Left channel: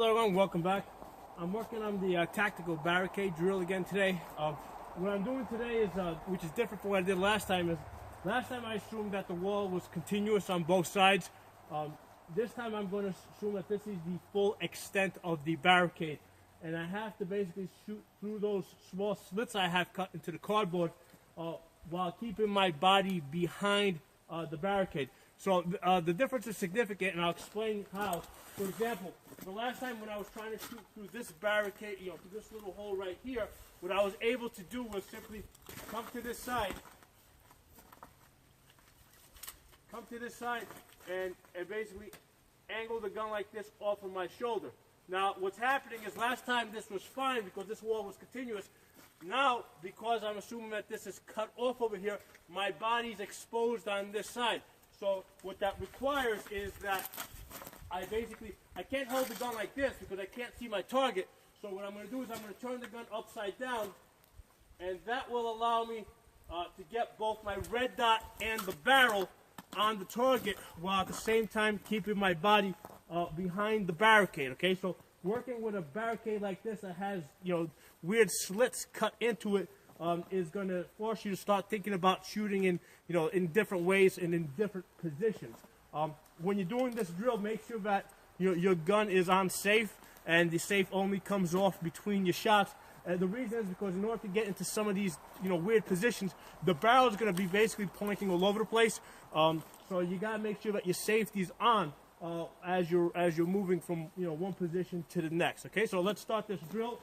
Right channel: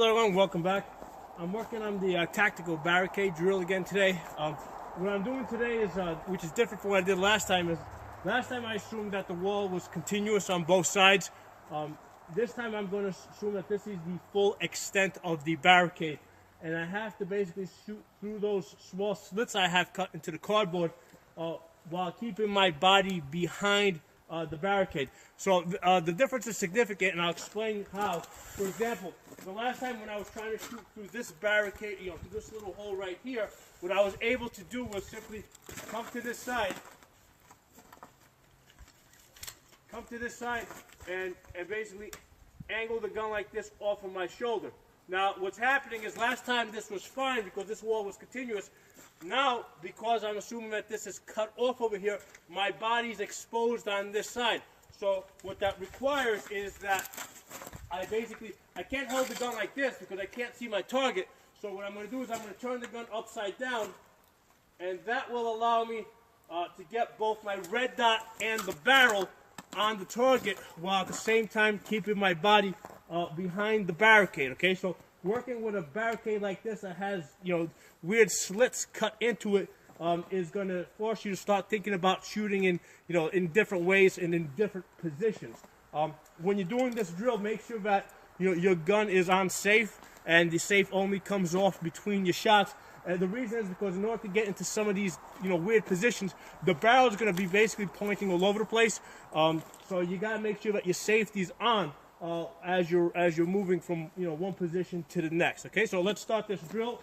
Hello everyone, welcome back. I'm working on the tactical barricade drill again today. What I'm doing today is, which is different from what I did last time, is last time I assumed that the wall was continuous on both sides. This time I'm going to assume that this is the full extent of the barricade. And I have to basically shoot through those small slits I have cut into the cardboard while keeping my body behind the barricade. So the difference is significant, and I'll explain how. For example, the last time when I was trying to shoot through this barricade, through this little hole right here, what I was able to do was simply come to this side, and basically angle the gun like this off of my shoulder. Now, what's happening is last time this was fine because this wall was continuous. Now, because I'm assuming that this is cut off over here, my body's exposed on this side. So what that requires is that I can't hold the gun like this because I can't see my target. So what I'm going to do is I'm going to turn the gun upside down, and that will allow me to get both my red dot and the barrel on the target while at the same time keeping my body behind the barricade. Okay, so working with a barricade like this that has weird slits cut into it is going to force you to start thinking about shooting in different ways and in different positions. When you're doing this drill, make sure that your gun is on safe, and the safe only comes off between your shots. The reason is because in order to get into some of these weird positions, the barrel is going to be basically pointing all over the place. So you got to make sure that your safety's on as you're moving from one position to the next. Okay, so let's start this drill.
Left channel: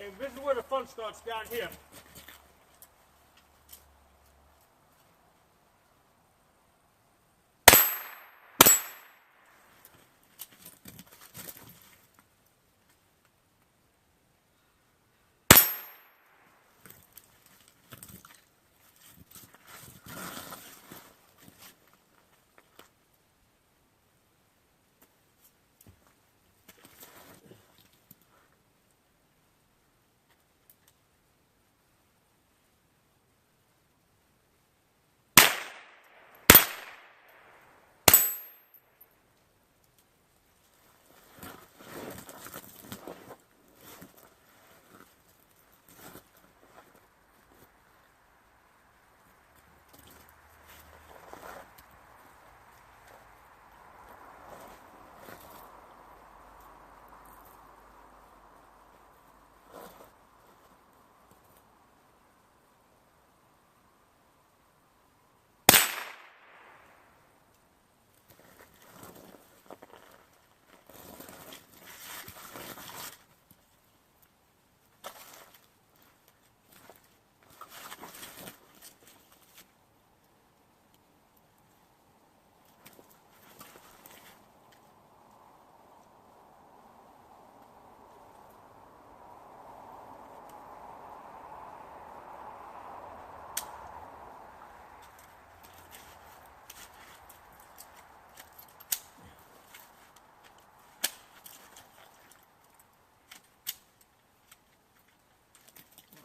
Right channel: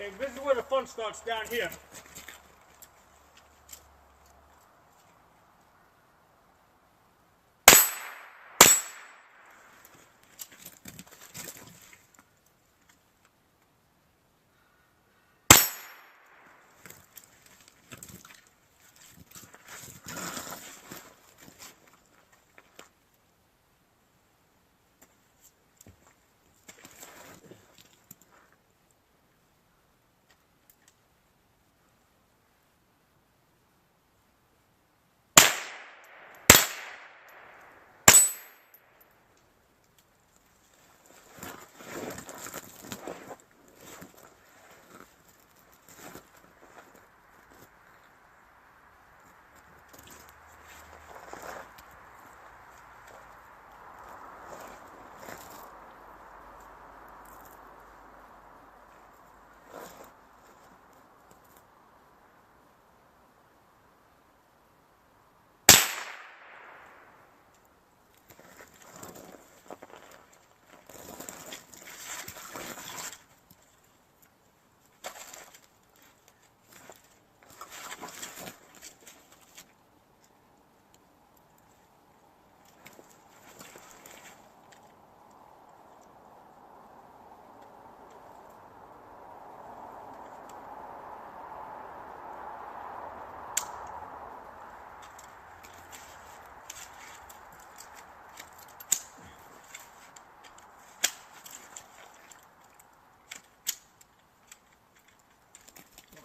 Okay, this is where the fun starts, down here.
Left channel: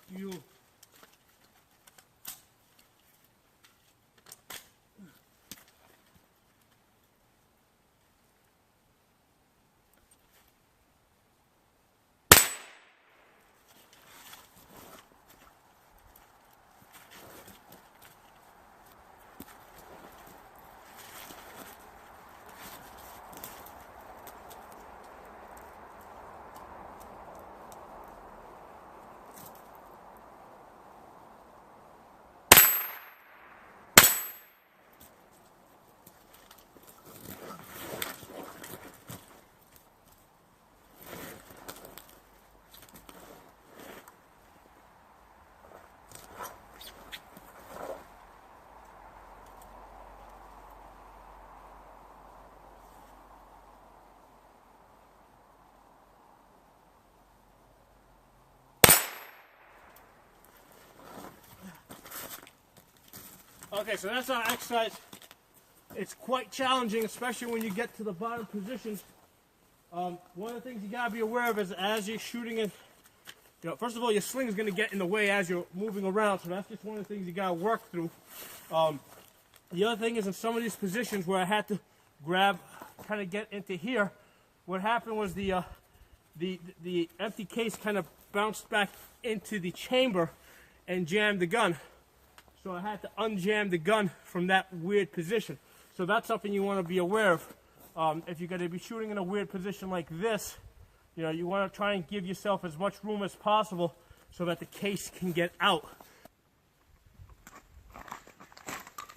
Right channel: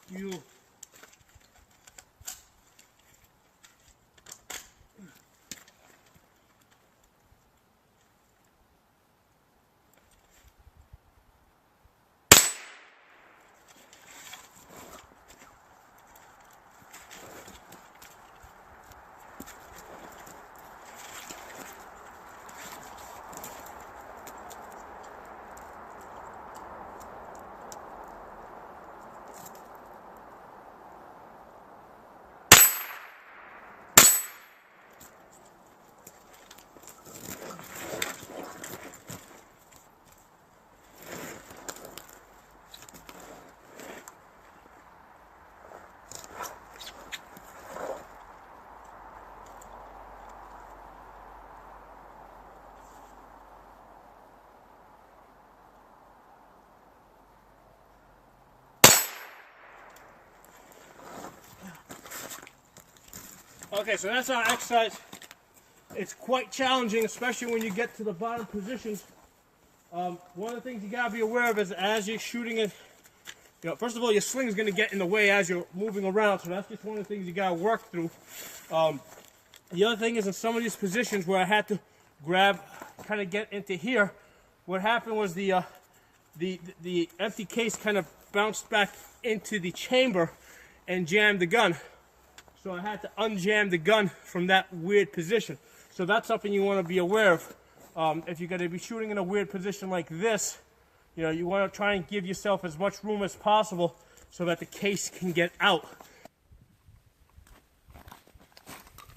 You. Okay, so that's our exercise. It's quite challenging, especially when you get to the bottom positions. One of the things you gotta be aware of is as you're shooting it, you know, first of all, your sling is gonna get in the way as you're moving around, so that's just one of the things you gotta work through. The other thing is in some of these positions where I had to grab, kind of get into here, what happened was the empty case kind of bounced back into the chamber and jammed the gun. So I had to unjam the gun from that weird position. So that's something you want to be aware of. If you're going to be shooting in a weird position like this, you know, you want to try and give yourself as much room as possible so that the case can get out.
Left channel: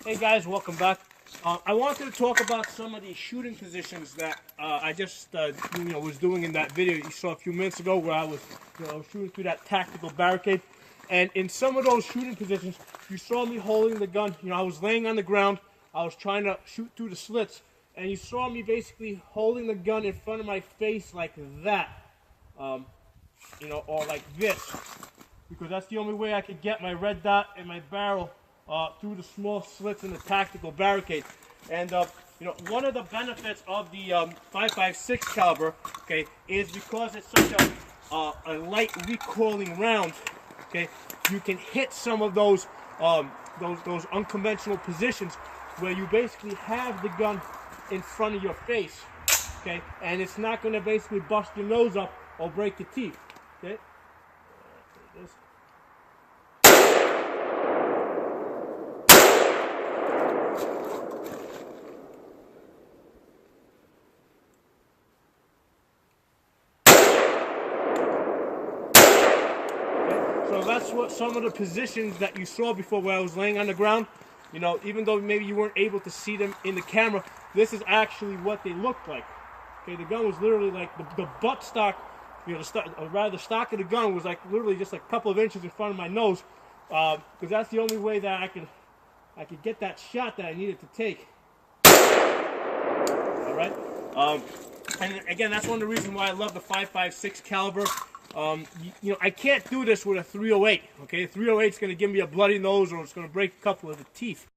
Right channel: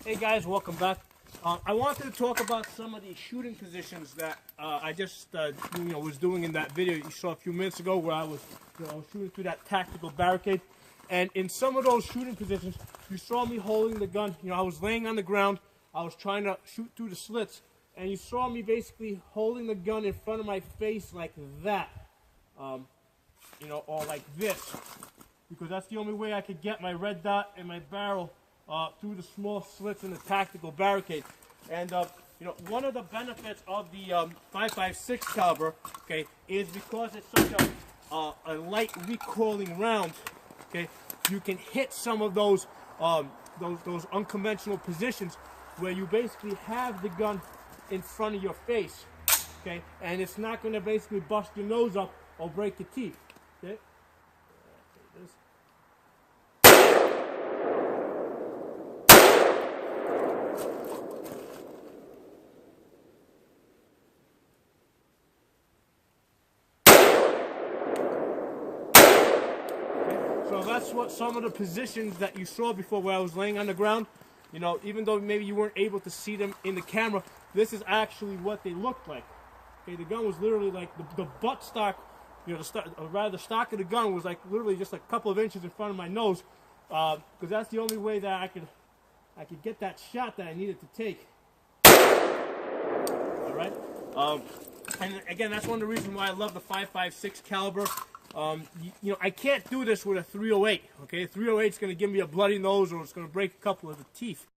Hey guys, welcome back. I wanted to talk about some of the shooting positions that I just was doing in that video you saw a few minutes ago, where I was shooting through that tactical barricade. And in some of those shooting positions, you saw me holding the gun. You know, I was laying on the ground. I was trying to shoot through the slits, and you saw me basically holding the gun in front of my face like that, or like this, because that's the only way I could get my red dot and my barrel through the small slits in the tactical barricade. And one of the benefits of the 5.56 caliber, okay, is because it's such a light recoiling round. Okay, you can hit some of those unconventional positions where you basically have the gun in front of your face. Okay, and it's not going to basically bust your nose up or break your teeth. Okay. So that's what some of the positions that you saw before where I was laying on the ground, you know, even though maybe you weren't able to see them in the camera, this is actually what they looked like. Okay, the gun was literally like the butt stock, the stock of the gun was like literally just like a couple of inches in front of my nose, because that's the only way that I could get that shot that I needed to take. All right, and again, that's one of the reasons why I love the 5.56 caliber. I can't do this with a 308. Okay, 308 is going to give me a bloody nose, or it's going to break a couple of the teeth.